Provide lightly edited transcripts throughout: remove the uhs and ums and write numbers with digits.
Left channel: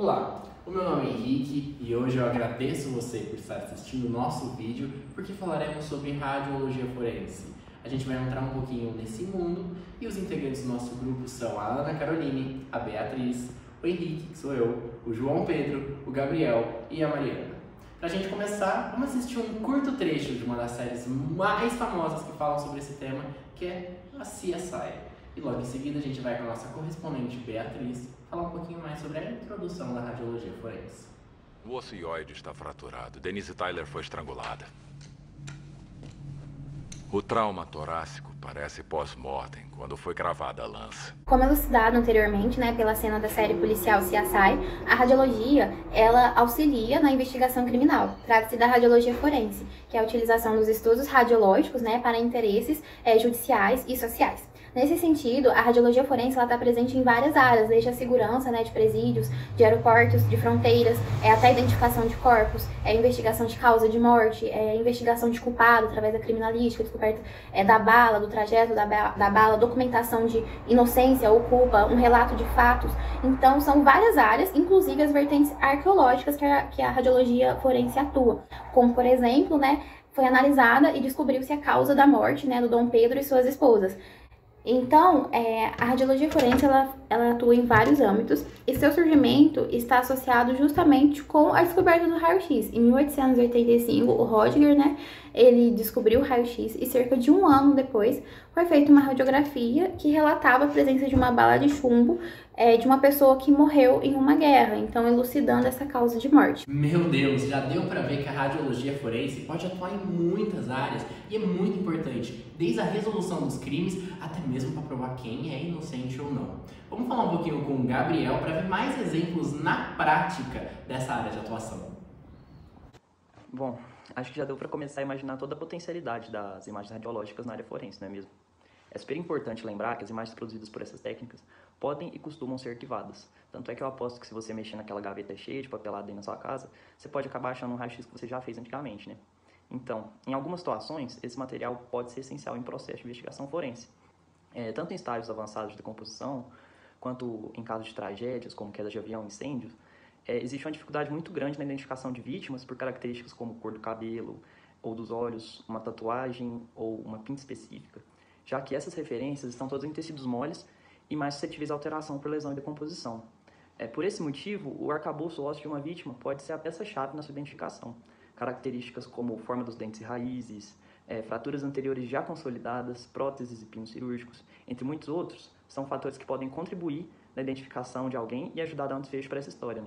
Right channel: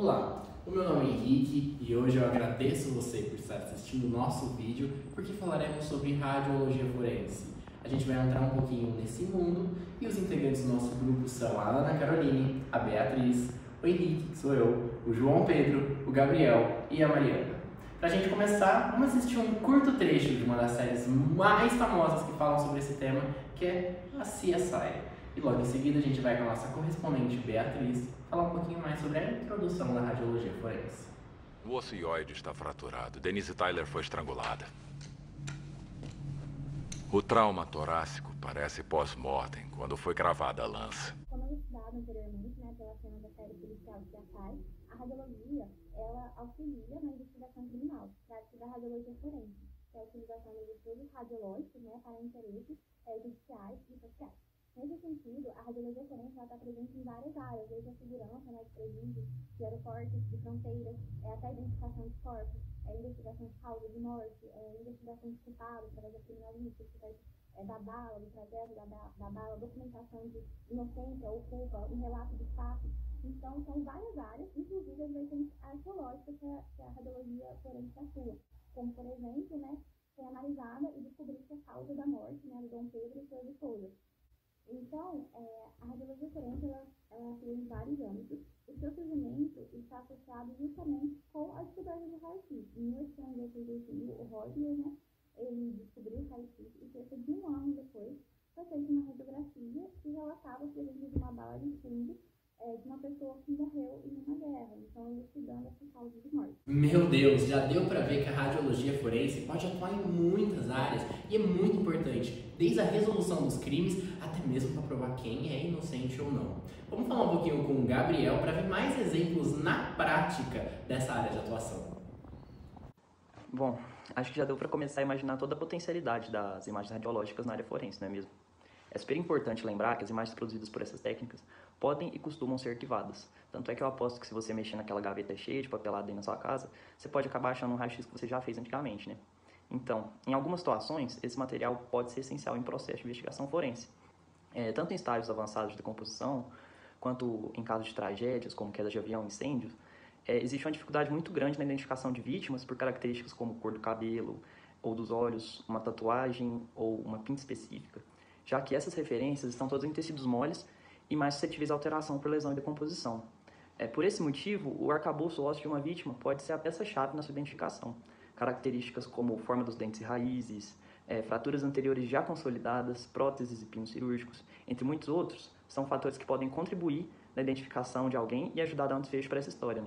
Olá, o meu nome é Henrique e hoje eu agradeço você por estar assistindo o nosso vídeo porque falaremos sobre radiologia forense. A gente vai entrar um pouquinho nesse mundo e os integrantes do nosso grupo são a Ana Caroline, a Beatriz, o Henrique, que sou eu, o João Pedro, o Gabriel e a Mariana. Pra gente começar, vamos assistir um curto trecho de uma das séries mais famosas que falam sobre esse tema, que é a CSI. E logo em seguida a gente vai com a nossa correspondente Beatriz falar um pouquinho mais sobre a introdução da radiologia forense. O osso ióide está fraturado. Denise Tyler foi estrangulada. O trauma torácico parece pós-mortem, quando foi cravada a lança. Como elucidado anteriormente, pela cena da série policial CSI, a radiologia, ela auxilia na investigação criminal. Trata-se da radiologia forense, que é a utilização dos estudos radiológicos, para interesses judiciais e sociais. Nesse sentido, a radiologia forense está presente em várias áreas, desde a segurança de presídios, de aeroportos, de fronteiras, até a identificação de corpos, investigação de causa de morte, investigação de culpado através da criminalística, descoberta da bala, do trajeto da bala, documentação de inocência ou culpa, um relato de fatos. Então, são várias áreas, inclusive as vertentes arqueológicas que a radiologia forense atua, como, por exemplo, foi analisada e descobriu-se a causa da morte do Dom Pedro e suas esposas. Então, a radiologia forense ela atua em vários âmbitos e seu surgimento está associado justamente com a descoberta do raio-x. Em 1885, o Röntgen, ele descobriu o raio-x e cerca de um ano depois foi feita uma radiografia que relatava a presença de uma bala de chumbo de uma pessoa que morreu em uma guerra, então elucidando essa causa de morte. Meu Deus, já deu pra ver que a radiologia forense pode atuar em muitas áreas e é muito importante, desde a resolução dos crimes até mesmo para provar quem é inocente ou não. Vamos falar um pouquinho com o Gabriel para ver mais exemplos na prática dessa área de atuação. Bom, acho que já deu para começar a imaginar toda a potencialidade das imagens radiológicas na área forense, não é mesmo? É super importante lembrar que as imagens produzidas por essas técnicas podem e costumam ser arquivadas. Tanto é que eu aposto que se você mexer naquela gaveta cheia de papelada aí na sua casa, você pode acabar achando um raio-x que você já fez antigamente, né? Então, em algumas situações, esse material pode ser essencial em processo de investigação forense. Tanto em estágios avançados de decomposição, quanto em casos de tragédias, como queda de avião e incêndios, existe uma dificuldade muito grande na identificação de vítimas por características como cor do cabelo, ou dos olhos, uma tatuagem ou uma pinta específica, já que essas referências estão todas em tecidos moles e mais suscetíveis à alteração por lesão e decomposição. Por esse motivo, o arcabouço ósseo de uma vítima pode ser a peça-chave na sua identificação. Características como forma dos dentes e raízes, fraturas anteriores já consolidadas, próteses e pinos cirúrgicos, entre muitos outros, são fatores que podem contribuir na identificação de alguém e ajudar a dar um desfecho para essa história,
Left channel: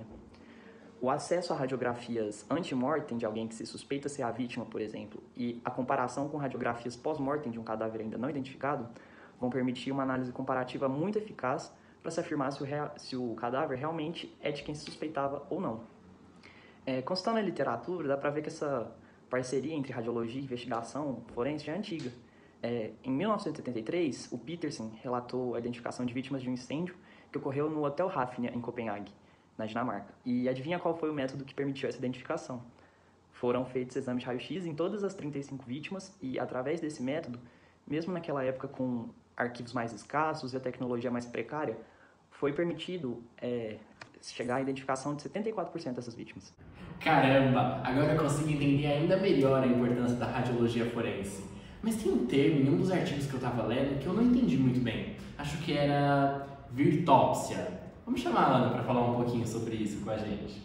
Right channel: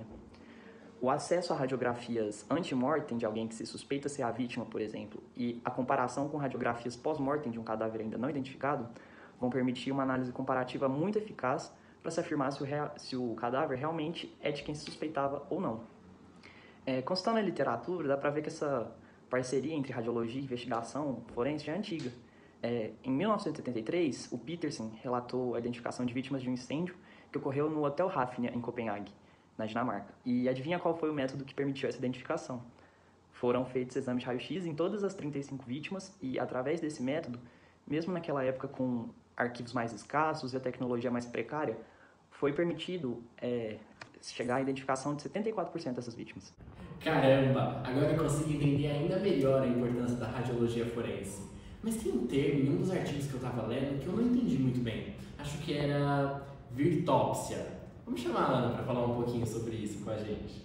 O acesso a radiografias anti-mortem de alguém que se suspeita ser a vítima, por exemplo, e a comparação com radiografias pós-mortem de um cadáver ainda não identificado, vão permitir uma análise comparativa muito eficaz para se afirmar se o cadáver realmente é de quem se suspeitava ou não. Consultando a literatura, dá para ver que essa parceria entre radiologia e investigação forense já é antiga. Em 1973, o Petersen relatou a identificação de vítimas de um incêndio que ocorreu no Hotel Hafnia, em Copenhague, na Dinamarca. E adivinha qual foi o método que permitiu essa identificação? Foram feitos exames de raio-x em todas as 35 vítimas e, através desse método, mesmo naquela época com arquivos mais escassos e a tecnologia mais precária, foi permitido chegar à identificação de 74% dessas vítimas. Caramba, agora eu consigo entender ainda melhor a importância da radiologia forense. Mas tem um termo em um dos artigos que eu estava lendo que eu não entendi muito bem. Acho que era virtópsia. Vamos chamar a Ana para falar um pouquinho sobre isso com a gente.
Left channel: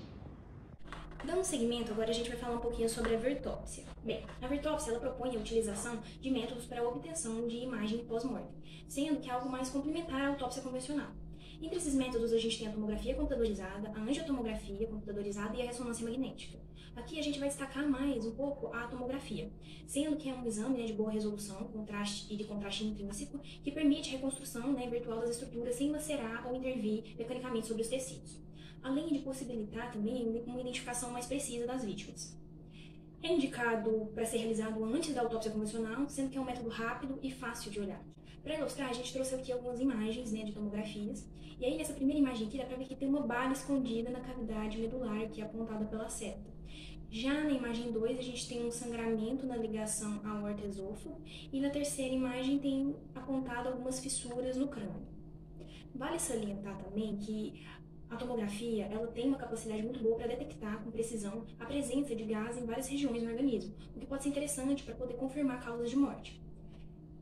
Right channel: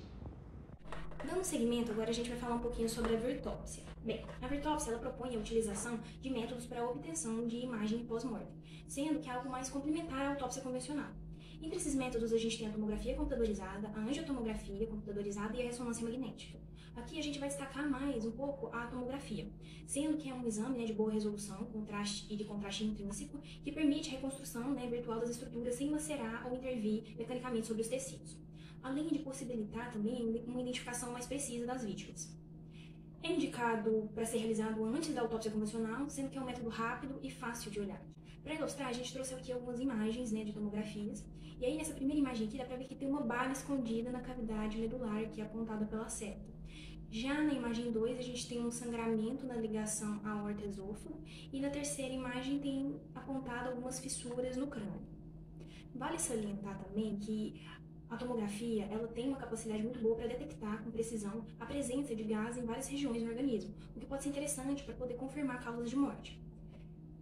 Dando seguimento, agora a gente vai falar um pouquinho sobre a virtópsia. Bem, a virtópsia ela propõe a utilização de métodos para a obtenção de imagem pós-mortem, sendo que é algo mais complementar à autópsia convencional. Entre esses métodos, a gente tem a tomografia computadorizada, a angiotomografia computadorizada e a ressonância magnética. Aqui a gente vai destacar mais um pouco a tomografia, sendo que é um exame de boa resolução contraste e de contraste intrínseco que permite a reconstrução virtual das estruturas sem lacerar ou intervir mecanicamente sobre os tecidos, além de possibilitar também uma identificação mais precisa das vítimas. É indicado para ser realizado antes da autópsia convencional, sendo que é um método rápido e fácil de olhar. Para ilustrar, a gente trouxe aqui algumas imagens de tomografias, e aí nessa primeira imagem aqui dá para ver que tem uma bala escondida na cavidade medular aqui apontada pela seta. Já na imagem 2, a gente tem um sangramento na ligação aorta-esôfago, e na terceira imagem tem apontado algumas fissuras no crânio. Vale salientar também que a tomografia ela tem uma capacidade muito boa para detectar com precisão a presença de gás em várias regiões no organismo, o que pode ser interessante para poder confirmar causas de morte.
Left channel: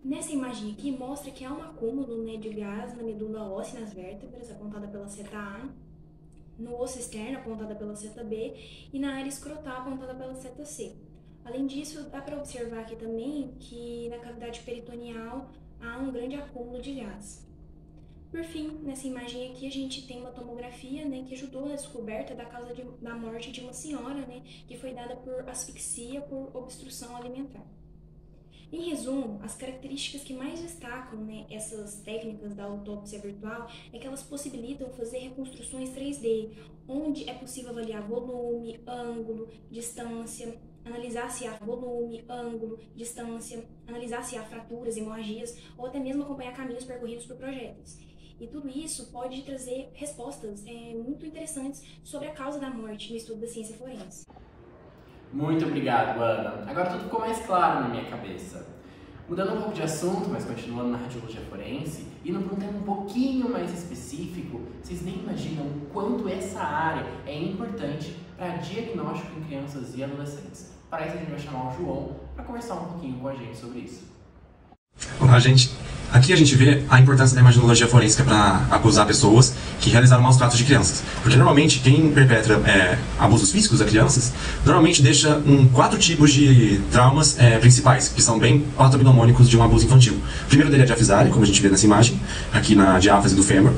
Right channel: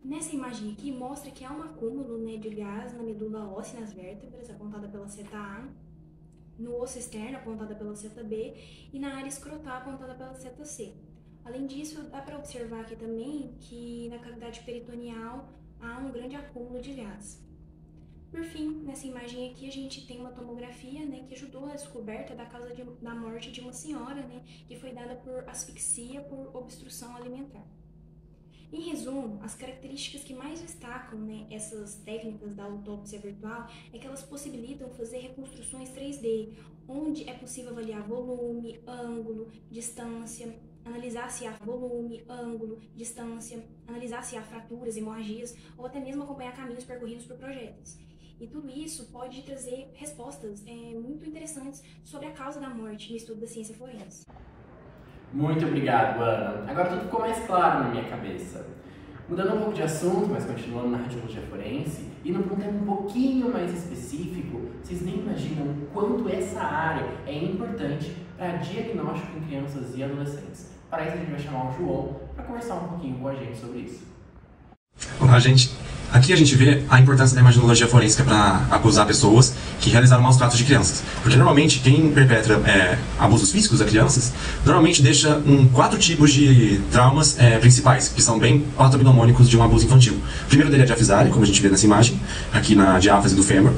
Nessa imagem aqui mostra que há um acúmulo, né, de gás na medula óssea e nas vértebras, apontada pela seta A, no osso externo, apontada pela seta B, e na área escrotal, apontada pela seta C. Além disso, dá para observar aqui também que na cavidade peritoneal há um grande acúmulo de gás. Por fim, nessa imagem aqui a gente tem uma tomografia, né, que ajudou na descoberta da causa da morte de uma senhora, né, que foi dada por asfixia por obstrução alimentar. Em resumo, as características que mais destacam, né, essas técnicas da autópsia virtual é que elas possibilitam fazer reconstruções 3D, onde é possível avaliar volume, ângulo, distância, analisar se há volume, ângulo, distância, analisar se há fraturas, hemorragias, ou até mesmo acompanhar caminhos percorridos por projéteis. E tudo isso pode trazer respostas muito interessantes sobre a causa da morte no estudo da ciência forense. Muito obrigado, Ana. Agora tudo ficou mais claro na minha cabeça. Mudando um pouco de assunto, mas continuando na radiologia forense, indo para um tema um pouquinho mais específico, vocês nem imaginam o quanto essa área é importante para diagnóstico em crianças e adolescentes. Para isso a gente vai chamar o João para conversar um pouquinho com a gente sobre isso. Olá, gente. Aqui a gente vê a importância da imaginologia forense para acusar pessoas que realizaram maus tratos de crianças. Porque normalmente quem perpetra abusos físicos a crianças, normalmente deixa 4 tipos de traumas principais, que são bem patognomônicos de um abuso infantil. O primeiro dele é a diafisare, como a gente vê nessa imagem, aqui na diáfase do fêmur.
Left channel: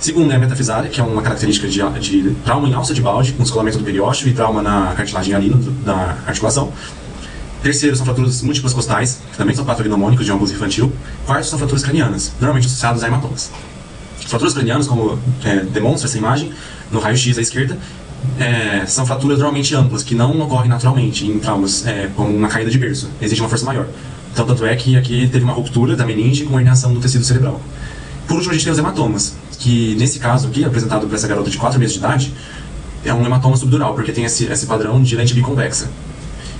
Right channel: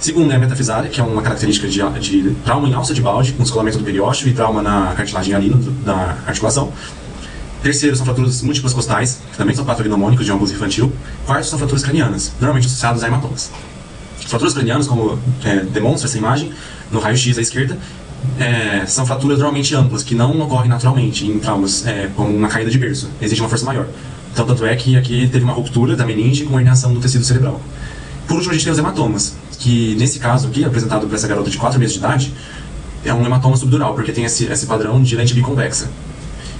Segundo é a metafisare, que é uma característica de trauma em alça de balde, com descolamento do periósteo e trauma na cartilagem alina da articulação. Terceiro são fraturas múltiplas costais, que também são patognomônicos de um abuso infantil. Quarto são fraturas cranianas, normalmente associadas a hematomas. As fraturas cranianas, como demonstra essa imagem, no raio-x à esquerda, são fraturas normalmente amplas, que não ocorrem naturalmente em traumas como uma caída de berço. Exige uma força maior. Então, tanto é que aqui teve uma ruptura da meninge com herniação do tecido cerebral. Por último, a gente tem os hematomas, que nesse caso aqui, apresentado por essa garota de 4 meses de idade, é um hematoma subdural, porque tem esse padrão de lente biconvexa,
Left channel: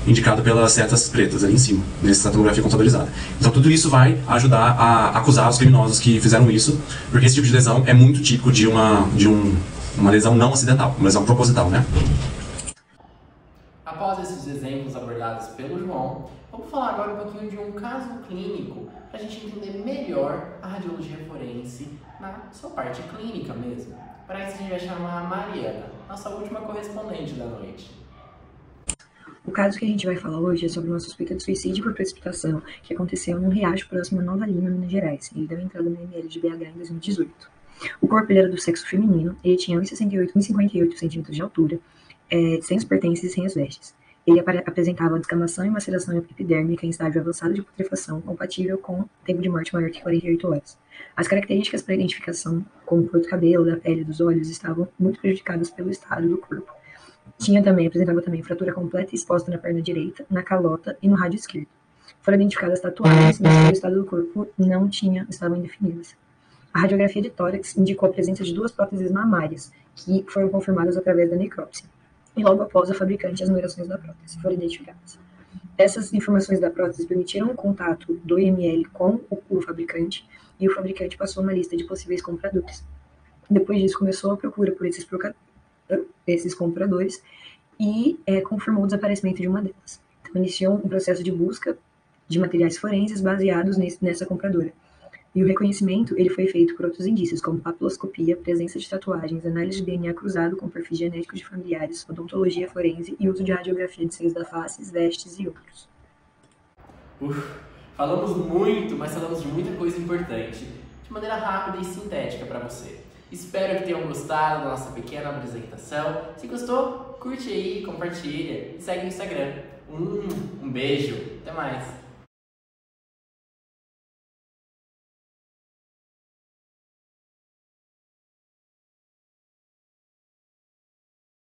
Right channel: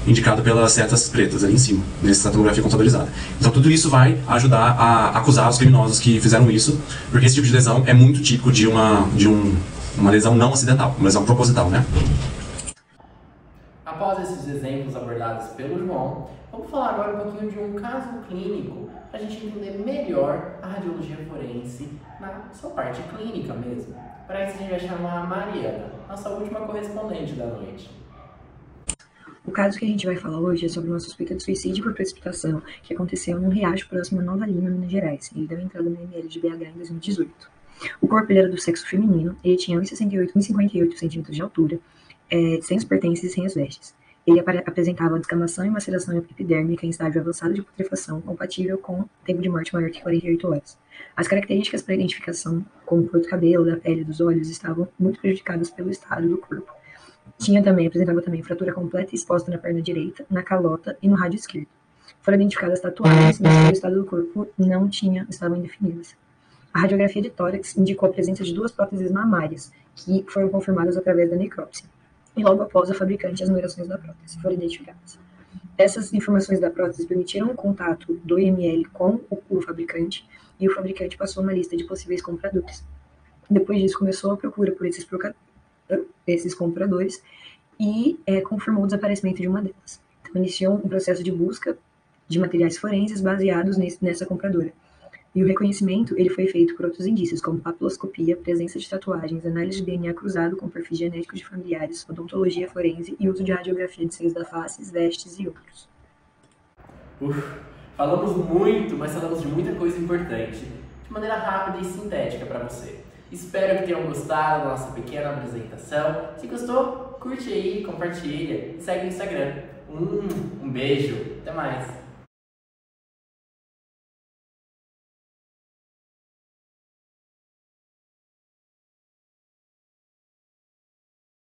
indicado pelas setas pretas ali em cima, nessa tomografia computadorizada. Então tudo isso vai ajudar a acusar os criminosos que fizeram isso, porque esse tipo de lesão é muito típico de uma lesão não acidental, uma lesão proposital, né? Após esses exemplos abordados pelo João, vamos falar agora um pouquinho de um caso clínico, para a gente entender melhor a radiologia forense na sua parte clínica mesmo. Para isso a gente vai chamar a Mariana, nossa última correspondente da noite. O caso que a gente vai falar hoje é sobre uma suspeita de suicídio por precipitação que aconteceu num riacho próximo a Nova Lima, Minas Gerais. Ele deu entrada no ML de BH em 2018. O corpo ele era do sexo feminino, ele tinha 1,68 e 1,58 centímetros de altura, sem os pertences e sem as vestes. Ele apresentava descamação e maceração epidérmica em estágio avançado de putrefação, compatível com tempo de morte maior que 48 horas. As características para identificação, como cor do cabelo, da pele e dos olhos, estavam muito prejudicadas pelo estado do corpo. Apresentava também fratura completa e exposta na perna direita, na calota e no rádio esquerdo. Foram identificadas tatuagens, mas o estado do corpo estavam indefinidas. A radiografia de tórax indicou a presença de 2 próteses mamárias, que foram confirmadas através da necrópsia. E logo após a fabricante, as numerações da prótese foram identificadas. Essas informações da prótese permitiram o contato do IML com o fabricante, e o fabricante passou uma lista de possíveis compradores. Depois disso, começou a procura por esses compradores e confirmou o desaparecimento de uma delas. Então, iniciou um processo de busca de materiais forenses baseados nessa compradora. E o reconhecimento ele foi feito por outros indícios, como papiloscopia, presença de tatuagens, análise de DNA cruzado com perfis genéticos de familiares, odontologia forense e uso de radiografia de seios da face, vestes e outros. Falamos muito, mas falamos de muita coisa importante, de maneira rápida e sintética para você. Espero que tenham gostado da nossa pequena apresentação. Se gostou, curte aí, compartilha e segue no Instagram. Um beijo, até mais!